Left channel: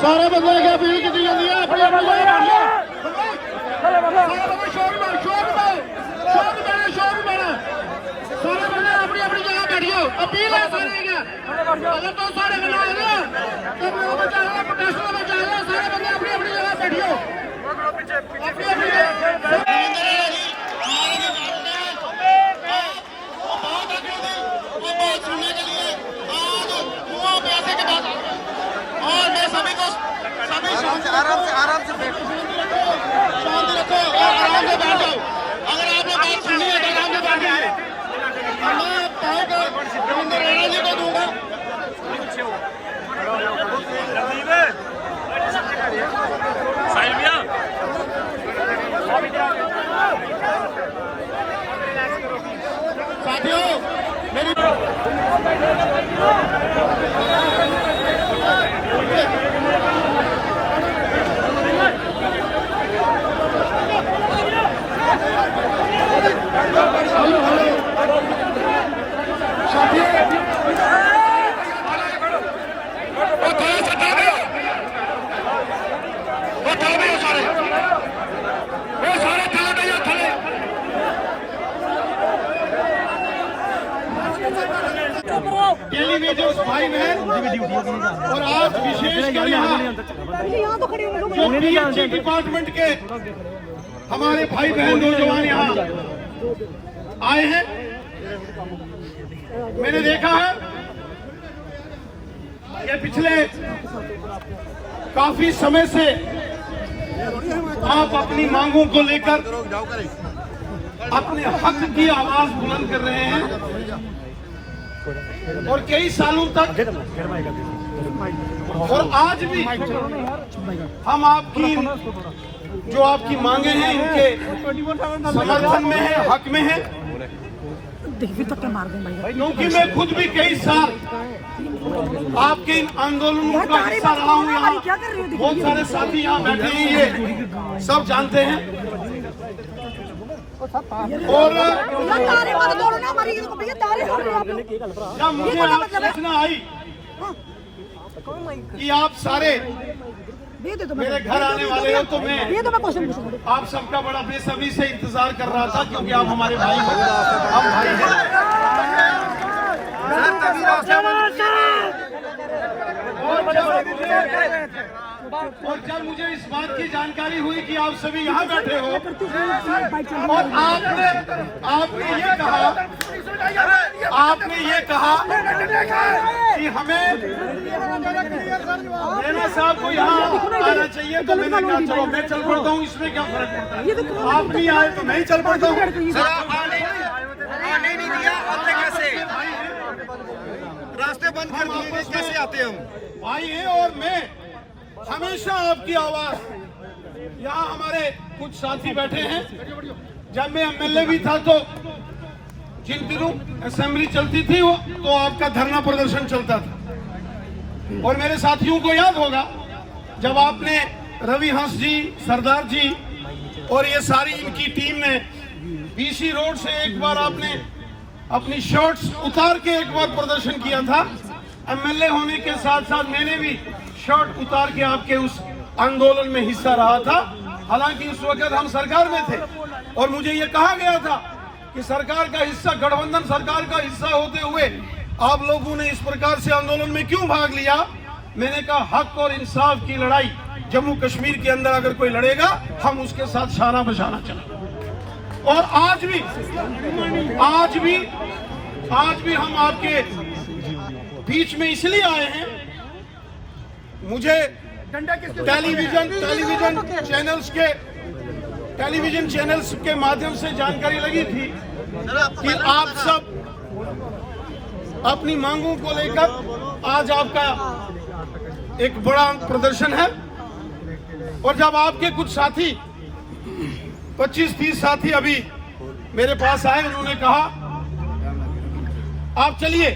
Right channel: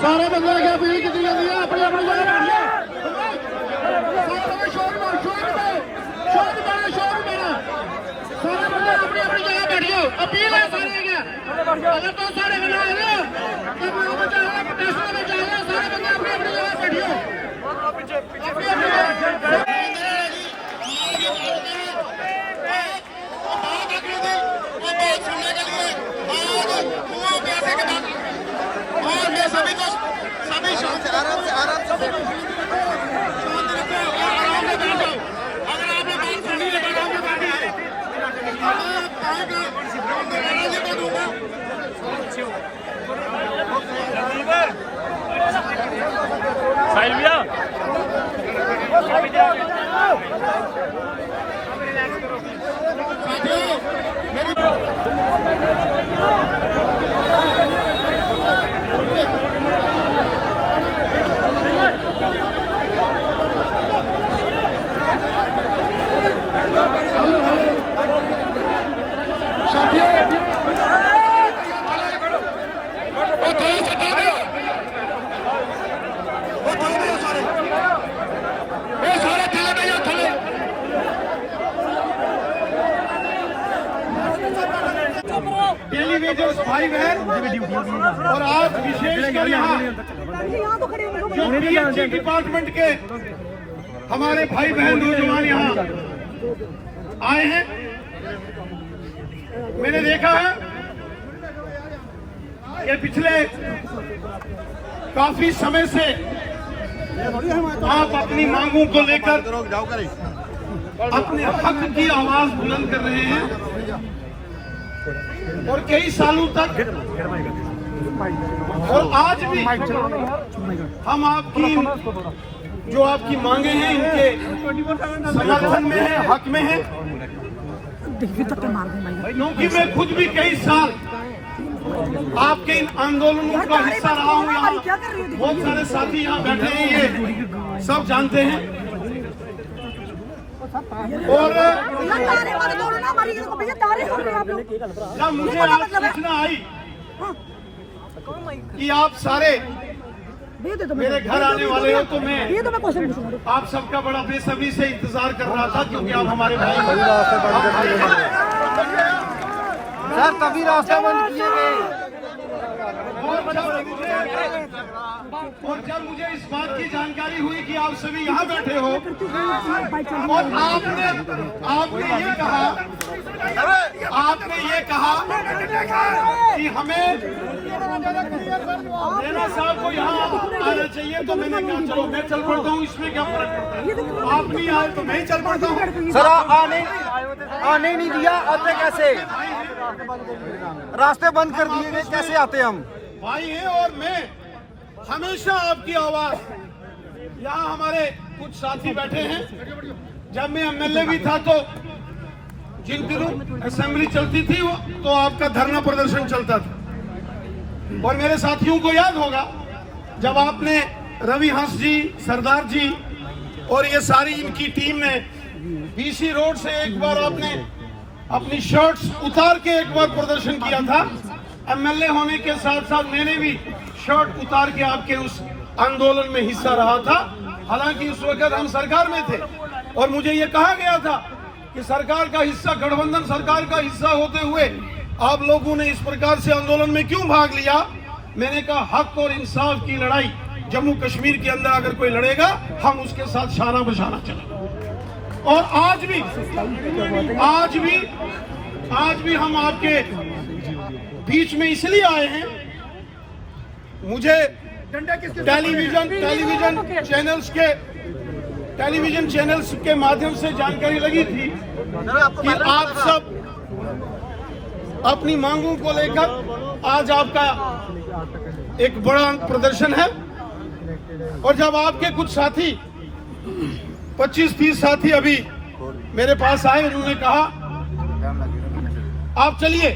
सारे बंदे अगर अपनी की जाती है अपनी अपनी जगह बैठ जाओ। सारे बंदे शोर में सारे बंदे अपनी अपनी जगह बैठ जाओ। अपील है सारे की अगर तो सारे बंदे आ गए तो प्रोटेस्ट में चाहिए सारे बंदे अपनी अपनी जगह बैठियो। आराम से बैठो। टेलीविजन भाई बहन और आज विशेषकर यहाँ जो पीएचई डिपार्टमेंट के हमारे भाई बहन नौजवान यहाँ आए हैं, मैंने देखा है ये पिछले काफी समय से आप अपनी मांगों को लेकर अपने हक की आवाज बुलंद कर रहे हैं और कई सालों तक और आज भी हम आपकी जो आपकी मांगे हैं इनके समर्थन में है, हक में है। क्योंकि मैं खुद भी कई साल आपके इन आंदोलनों का हिस्सा रहा हूँ। यहाँ बहुत सारे साथी यहाँ बैठे हैं, ये सब जानते हैं। और जब मुझे सूचना आई कि आप सारे मेरे घर आने वाले हो तो मैं आप सबका बड़ा बेसब्री से इंतजार कर रहा था, क्योंकि आप हमारे भाई हो, हम भाई हैं। सर तभी रास्ता और जब मुझे इस बात की जानकारी हुई कि आप सभी यहाँ बैठे हो और आपने ये कहा कि हमें नैना साहब को यहाँ आना चाहिए, तो मैंने कहा चलो मैं चल पड़ता हूँ, इसमें क्या फर्क पड़ता है। आप भी आए तो मैं ही चल पड़ता हूँ। सर आने नहीं दिया, आते कैसे? रास्ते बंद कर दिए गए, कैसे आते हम? भाई हैं और मैं हमेशा आपकी आवाज, यहाँ हमारे कुछ साथी बैठे हैं, जब मैं एमएलए भी था तो जिन दिनों असेंबली चलती थी वो तो आपका धरना प्रदर्शन चलता था। और मेरे साथियों को याद होगा जब आपने रवि हंस जी, सरदार जी और ये सारी इनकी टीम ने बीसी रोड से एक बार आपने अपनी शर्ट्स उतार के एक बार प्रदर्शन किया था। एमएलए होने के साथ साथ मैंने भी शर्ट उतार के आपके उस आंदोलन में हिस्सा रहा था। हालांकि उस वक्त हम सरकार में थे और मुझे ये कहा गया था कि सरकार का हिस्सा, गठबंधन सरकार का हिस्सा होते हुए आप लोगों ने इस प्रकार से आंदोलन में क्यों भाग लिया। मैंने कहा हक और इंसाफ की लड़ाई जम्मू कश्मीर के अंदर अगर कोई लड़ेगा हम उसके साथ शाना बशाना चलेंगे। और आज भी हम आपके बीच में इसलिए आए हैं, मुझे टेलीविजन चैनल्स के माध्यम से जानकारी लगी थी कि आप सब अपनी मांगों को लेकर आज आपका एक बड़ा प्रदर्शन है। और जब आपके कुछ साथी 25-30 साथी अभी मेरे पास आए, उन्होंने कहा आप चलिए,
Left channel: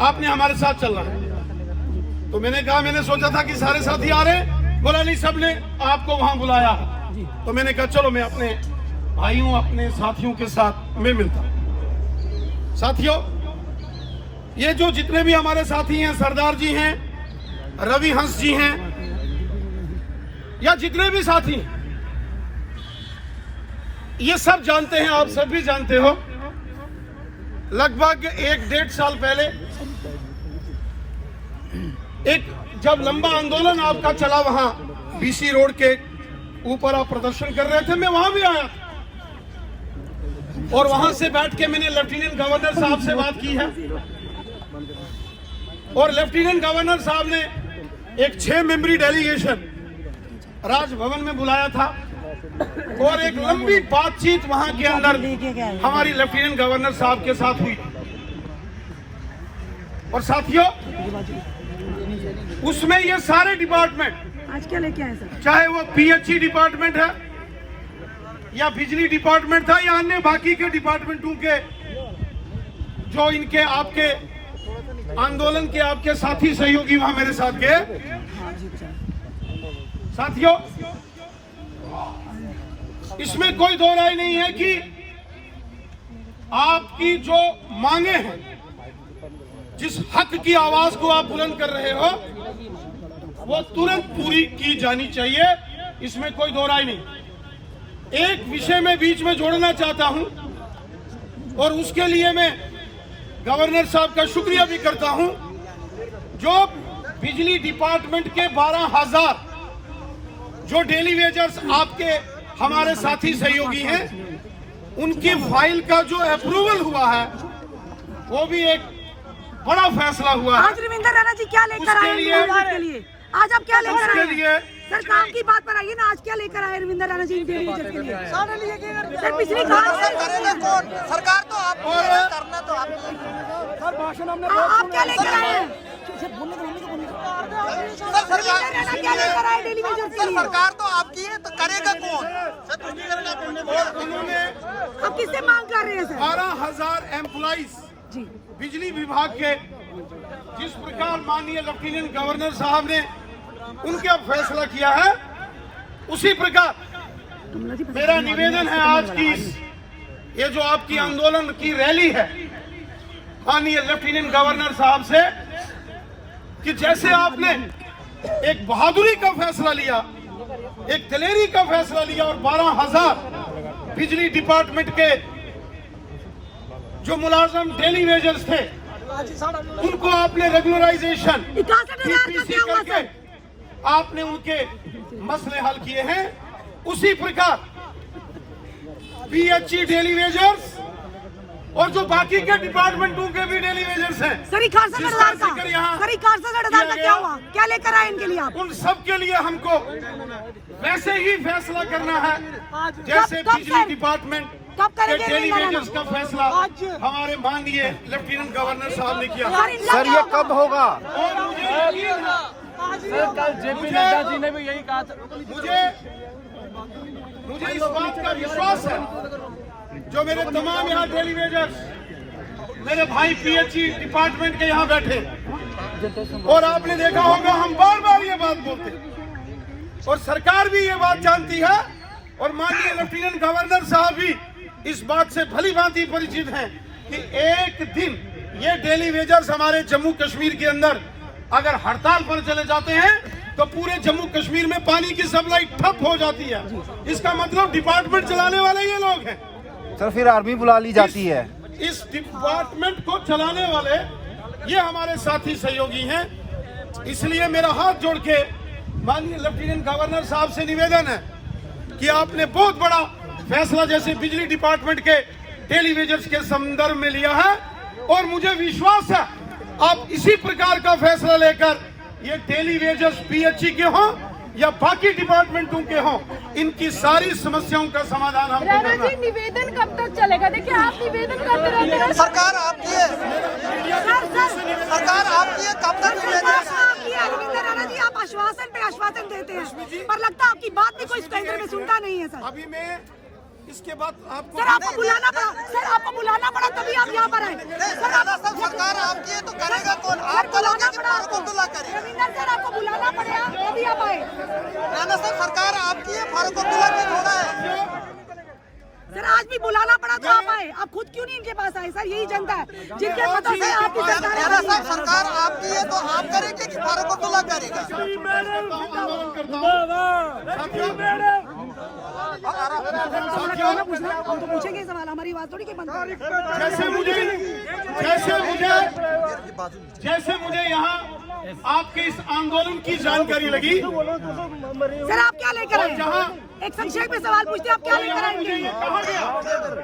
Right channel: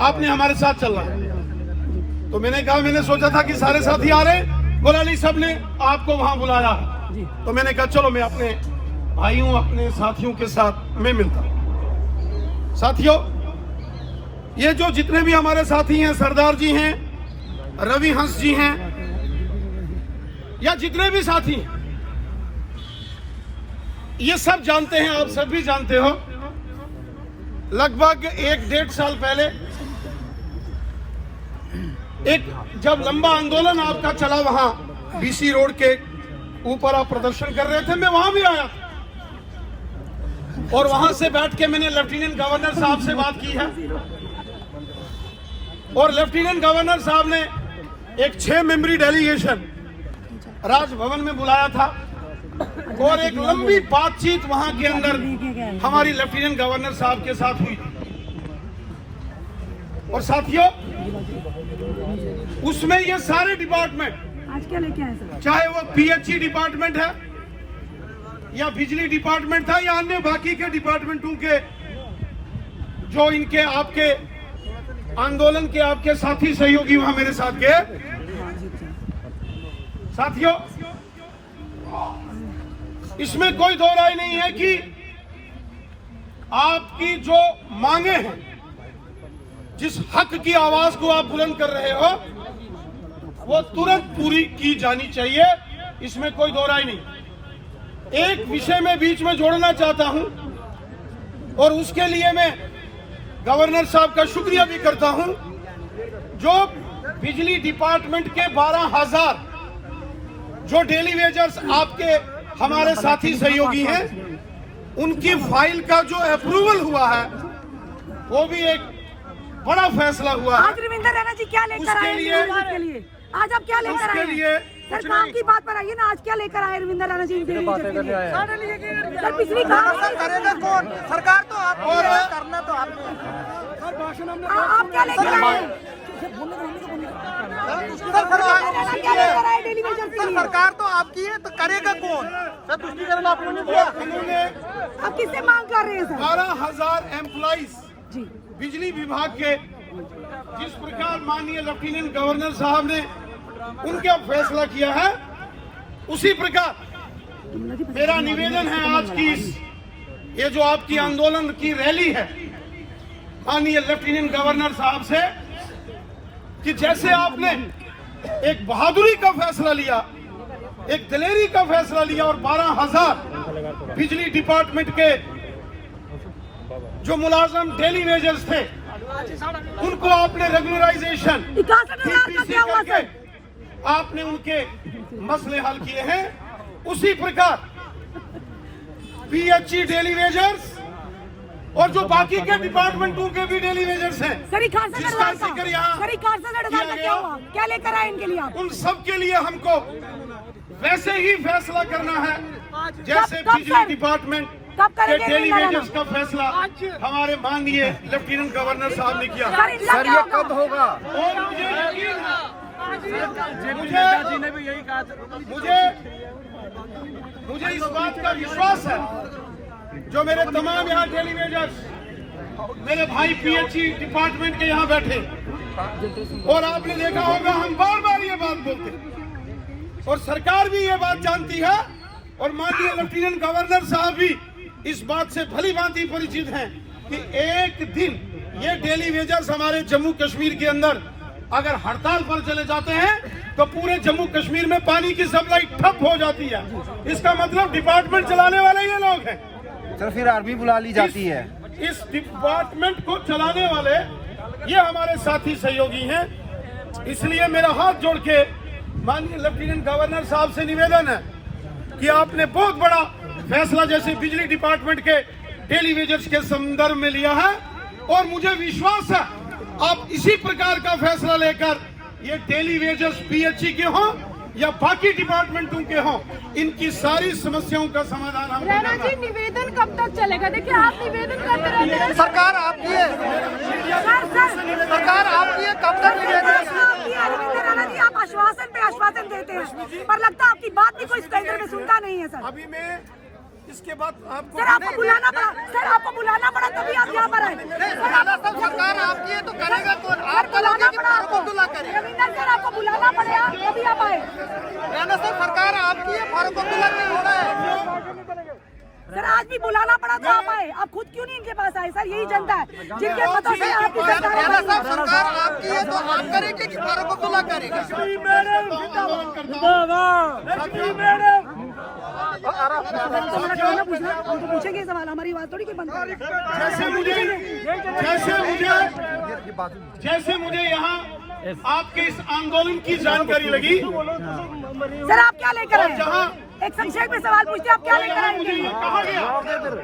आपने हमारे साथ चलना है। तो मैंने कहा, मैंने सोचा था कि सारे साथी आ रहे, बोला नहीं सबने आपको वहां बुलाया है। तो मैंने कहा चलो मैं अपने भाइयों, अपने साथियों के साथ मैं मिलता हूं। साथियों, ये जो जितने भी हमारे साथी हैं, सरदार जी हैं, रवि हंस जी हैं या जितने भी साथी हैं, ये सब जानते हैं, आप सब भी जानते हो, लगभग 1-1.5 साल पहले एक जब लंबा आंदोलन आपका चला, वहां बीसी रोड के ऊपर आप प्रदर्शन कर रहे थे, मैं वहां भी आया था और वहां से बैठ के मैंने लेफ्टिनेंट गवर्नर साहब से बात की है और लेफ्टिनेंट गवर्नर साहब ने एक 6 मेंबरी डेलीगेशन राजभवन में बुलाया था और एक लंबी बातचीत वहां के अंदर हमारी लेफ्टिनेंट गवर्नर साहब के साथ हुई थी। और साथियों, उसमें ये सारे डिपार्टमेंट आज क्या लेके आए सर? चाहे वो पीएचई डिपार्टमेंट है या बिजली डिपार्टमेंट था या अन्य बाकी के डिपार्टमेंटों के जो इनके आपके आंदोलन के आपके साथी सहयोगी वहां मेरे साथ गए। साथियों, इसमें कोई दो राय नहीं है कि आपकी जो मांगे हैं, जिस हक की आवाज को आप बुलंद कर रहे हो, वो तुरंत पूरी की जानी चाहिए, इसमें कोई दो राय नहीं। एक विषय में बीच में जोड़ना चाहता हूं और उसके लिए मैं गवर्नर साहब का शुक्रिया भी करता हूं। जो बिजली डिपार्टमेंट के 12,000 जो डेली वेजर्स आपके हमारे साथी सहयोगी हैं, उनकी फाइल का जो अप्रूवल हुआ है, वो भी एक बड़ा फैसला हुआ है। आज रविंदर रैना जी क्या लेकर आए के लिए? आज आप क्या लेकर आए हैं? सर काम की बात पर आइए ना, आज क्या लेकर आए रविंदर रैना जी डेली वेजर्स के लिए? सर पिछली करेगा कौन? सरकार तो आप करना तो आपने। आप क्या लेकर आए हैं? क्या लेकर आए डेली वेजर्स के लिए? सरकार तो आपकी है, तो करेगा कौन? सर तुष्टिकरण आपने दिया। उन्होंने आप किससे मांग कर रहे हैं सर? 12,000 एम्प्लॉइज जी बिजली विभाग के, जिस प्रकार माननीय लेफ्टिनेंट गवर्नर साहब ने उनका फैसला किया है, उसी प्रकार मेरा निवेदन है आज की ये जो आपकी आंदोलन की रैली है, माननीय लेफ्टिनेंट गवर्नर साहब से, कि जैसे आपने एक बहादुरी का फैसला लिया, एक दिलेरी का फैसला लिया और 12,000 बिजली डिपार्टमेंट के जो मुलाजम डेली वेजर्स थे, उनको आपने रेगुलराइजेशन 61,000 का क्या हुआ सर? आपने उनके मसले हल किए हैं। उसी प्रकार पीएचई डेली वेजर्स और जो बाकी के डिपार्टमेंटों के भी डेली वेजर्स हैं, सर 61,000 का क्या हुआ? क्या लेकर आए इनके लिए आप? उन सब के लिए हमको वैसे ही फैसला करना है जैसे कब बिजली डिपार्टमेंट कब के करेंगे डेली रविंदर वेजर्स का फैसला हमारे माननीय लेफ्टिनेंट गवर्नर साहब ने किया। सर इनका क्या होगा? कब होगा? और मुझे यकीन है, नड्डा जी ने भी यही कहा था। मुझे इस बात का विश्वास है, जो मेरे तमाम यहाँ डेली वेजर्स, मेरे भाई पीएचई डिपार्टमेंट के यहाँ बैठे, और आपने देखा होगा हम बार बार ये बात बोलते हैं और सरकार भी ये बात जानती है और माननीय लेफ्टिनेंट गवर्नर साहब भी इस बात से भली भांति परिचित हैं कि एक दिन ये डेली वेजर्स हमारे जम्मू कश्मीर के अंदर अगर हड़ताल पर चले जाते हैं तो पूरे जम्मू कश्मीर में पानी की सप्लाई ठप हो जाती है। इसका मतलब डिपार्टमेंट चलाने वाले ये लोग हैं। सर फिर आर्मी बुला ली जाती है। इस डिपार्टमेंट को चलाने वाले ये हमारे साथी सहयोगी हैं। इसलिए मेरा हाथ जोड़ के माननीय लेफ्टिनेंट गवर्नर साहब से निवेदन है कि आपने बहुत बड़ा फैसला जैसे बिजली डिपार्टमेंट के डेली वेजर्स के संदर्भ में लिया है और मुझे विश्वास है आप इसी प्रकार का फैसला लेकर ये डेली वेजर्स पीएचई के हों या बाकी डिपार्टमेंटों के हों, इनकी सारी समस्याओं का समाधान हमको रैना करना जी है। निवेदन कब तक चलेगा? देखिए आप निवेदन करते रहते हैं। सरकार आपकी है, सरकार आपकी है, कब तक आपकी है रविंदर रैना जी, आप आश्वासन पे आश्वासन देते हैं पर लगता है आपकी बात भी कोई केंद्र में सुनता नहीं है सर। अभी मैं इसके बाद आपको सर आपको बुलाना पड़ा, सर आपको बुलाना पड़ा तभी आप यहाँ पर आए। सरकार आपकी है तो करेगा कौन? सर आप बुलाना पड़ा फारूक आपको, अब्दुल्ला करेगा। रविंदर सर आपको बुलाना पड़ा तभी आप आए। राणा साहब सरकार आपकी है, फारूक अब्दुल्ला की थोड़ा है। सर आज भी बुलाना पड़ा तो आप आए, आप खुद क्यों नहीं इनके पास आए? सर यही जनता है जिनके मतों से आपकी सरकार राणा साहब सरकार आपकी है तो आप करेंगे कि फारूक अब्दुल्ला करेगा? आंदोलन करता हूँ। पूछना, हम तो पूछेंगे सवाल, हमारी बात थोड़ी कोई बंद करेगा। जैसे मुझे यहाँ आपके इस आंदोलन की जानकारी लगी। सर आप क्या लेकर आए? जहाँ एक संक्षेप में सवाल पूछते हैं, आप क्या लेकर आएंगे? कहा गया,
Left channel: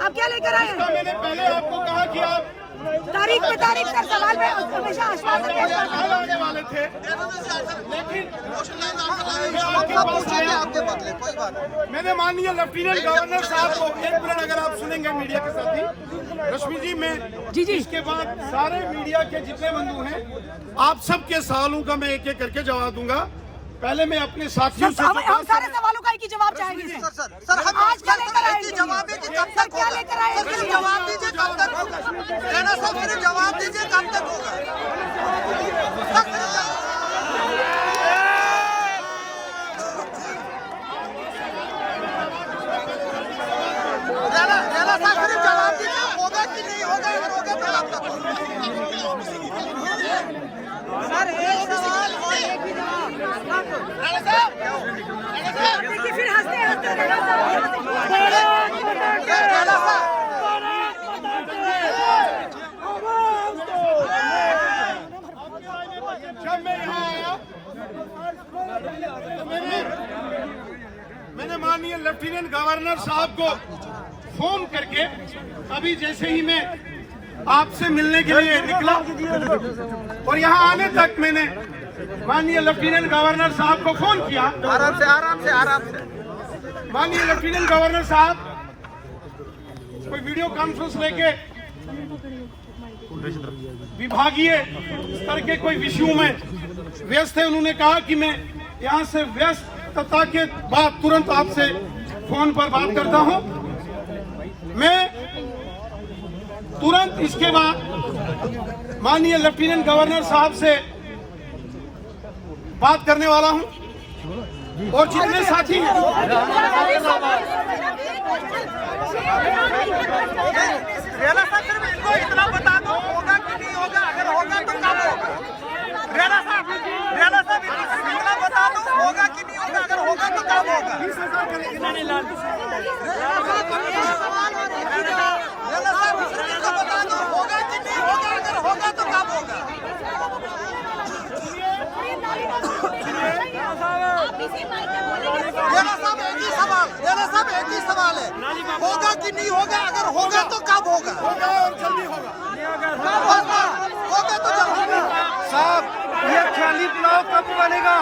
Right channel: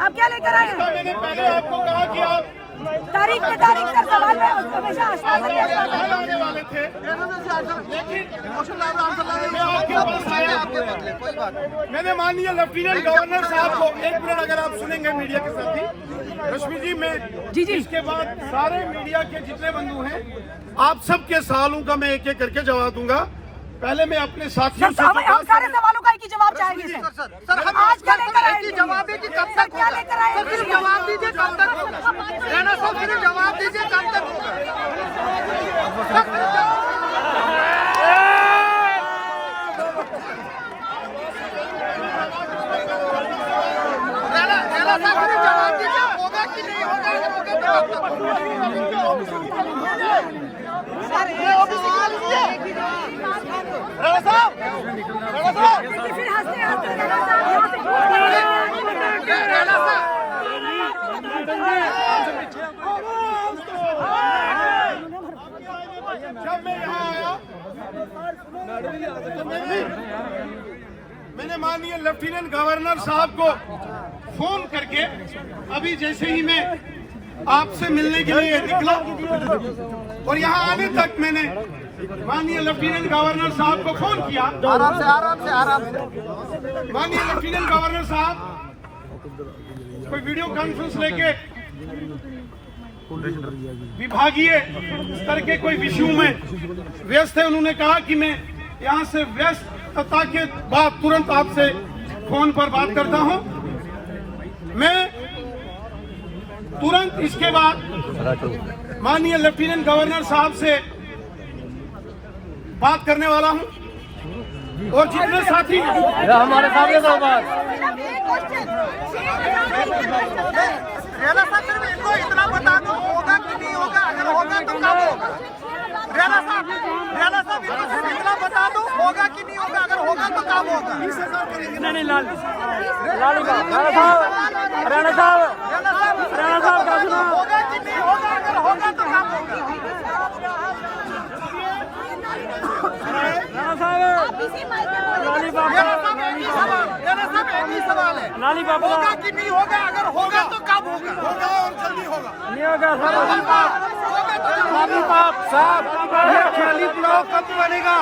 आप क्या लेकर आए? मैंने पहले आपको कहा कि आप तारीख पे तारीख सर सवाल में हमेशा आश्वासन देता है। आने वाले थे, लेकिन मैं आपके पास आया। आपके बदले कोई बात नहीं। मैंने माननीय लेफ्टिनेंट गवर्नर साहब को, एक मिनट अगर आप सुनेंगे मीडिया के साथी, रश्मि जी, मैं जी इसके बाद सारे मीडिया के जितने बंधु हैं, आप सबके सवालों का मैं एक एक करके जवाब दूंगा। पहले मैं अपने साथियों से, हम सारे सवालों का एक ही जवाब चाहेंगे सर। सर हम आज क्या लेकर आए? जवाब है कि कब तक क्या लेकर आए? सर सिर्फ जवाब दीजिए, कब तक होगा? राणा साहब सिर्फ जवाब दीजिए, कब तक होगा? सर सिर्फ राणा साहब सिर्फ जवाब दीजिए, होगा कि नहीं होगा? अगर होगा तो कब तक होगा? सर ये ऑफिस निकाल लीजिए। राणा साहब देखिए फिर हंसते हंसते राणा साहब यहाँ से कूद गए। राणा साहब जब मैं यहाँ आया तो मैंने माननीय लेफ्टिनेंट गवर्नर साहब को फोन करके, अभी जैसे ही मैं आपसे मिलने के लिए निकला और यहाँ आने तक मैंने माननीय लेफ्टिनेंट गवर्नर साहब को फोन किया। आराम से माननीय लेफ्टिनेंट गवर्नर साहब कोई वीडियो कॉन्फ्रेंस लेके विभागीय स्तर के कोई विषयों में व्यस्त है। उन्होंने कहा कि मैं यहाँ से व्यस्तता के बाद तुरंत आपसे फोन पर बात करता हूँ। मैं तुरंत इसके बाद माननीय लेफ्टिनेंट गवर्नर साहब से बात करने वाला हूँ और जितने साथी हैं रेला साहब सिर्फ इनको इतना बता दो, होगा कि नहीं होगा? अगर होगा तो कब होगा? रेला साहब इनको सिर्फ इतना बता दो, होगा कि नहीं होगा? अगर होगा तो कब होगा? 20,000 करेंगे। रेला साहब सिर्फ इतना बता दो, होगा कि नहीं होगा? अगर होगा तो कब होगा? रेला साहब एक ही सवाल है, होगा कि नहीं होगा? अगर होगा तो कब होगा? होगा और जल्दी होगा। होगा तो जल्दी। साहब ये ख्याली पुलाव कब बनेगा?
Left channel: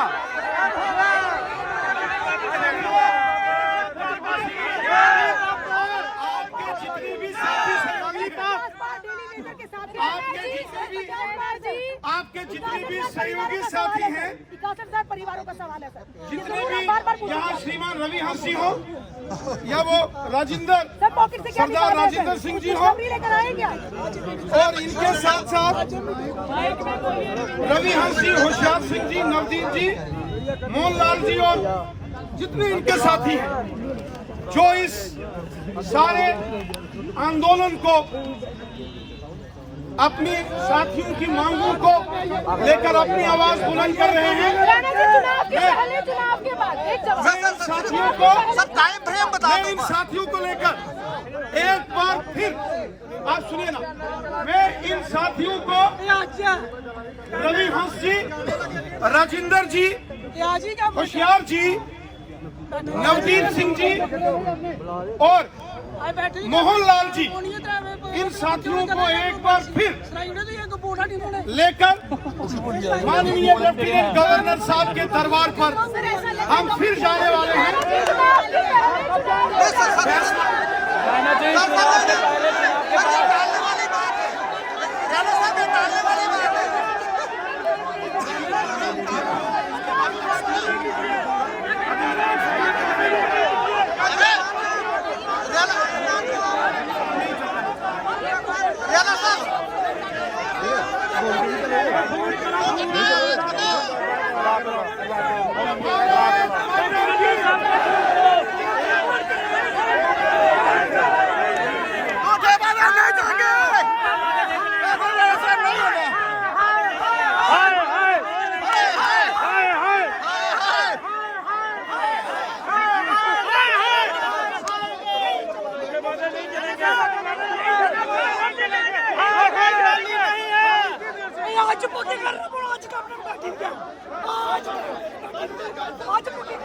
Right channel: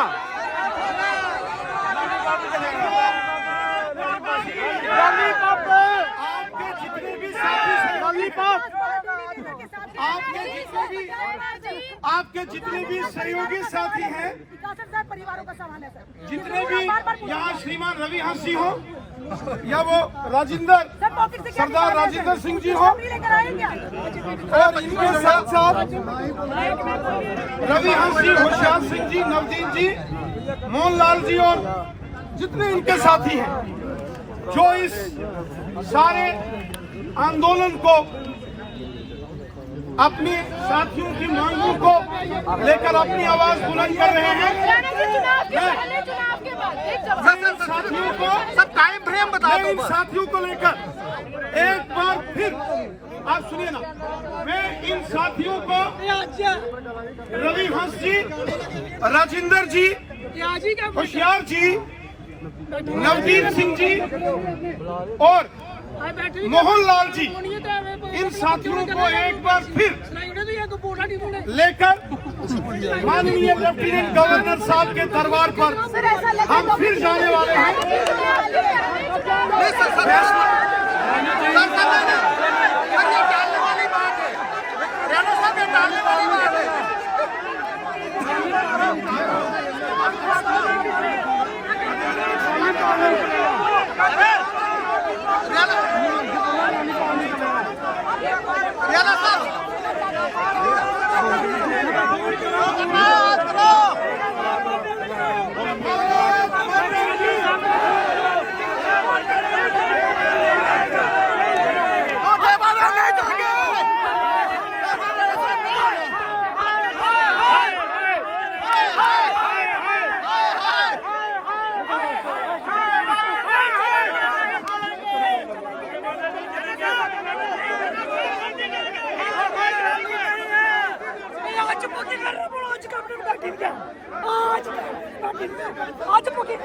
आपके जितने भी साथी सहयोगी आपके जितने भी सहयोगी साथी हैं, परिवारों का सवाल है सर। जितने भी यहाँ श्रीमान रवि हंस जी हो या वो सरदार राजेंद्र सिंह जी हो, और इनके साथ साथ रवि हंस जी, होशियार सिंह जी, नवदीप जी, मोहनलाल जी और जितने इनके साथी हैं जो इस सारे आंदोलन को, अपनी साथियों की मांगों को लेकर अपनी आवाज बुलंद कर रहे हैं। साथियों को सब टाइम फ्रेम बता दो। इन साथियों को लेकर एक बार फिर आप सुनिए ना, मैं इन साथियों को रवि हंस जी, राजेंद्र जी, होशियार जी, नवदीप सिंह जी और मोहनलाल जी, इन साथियों को एक बार फिर लेकर माननीय लेफ्टिनेंट गवर्नर साहब के दरबार पर हम फिर जाने वाले हैं। ये टालने वाली बात है, राणा साहब ये टालने वाली बात है। राणा साहब आज बुकिंग कर रहा हूँ, आज का अपने बता ठीक है, आज बुकिंग, आज बुकिंग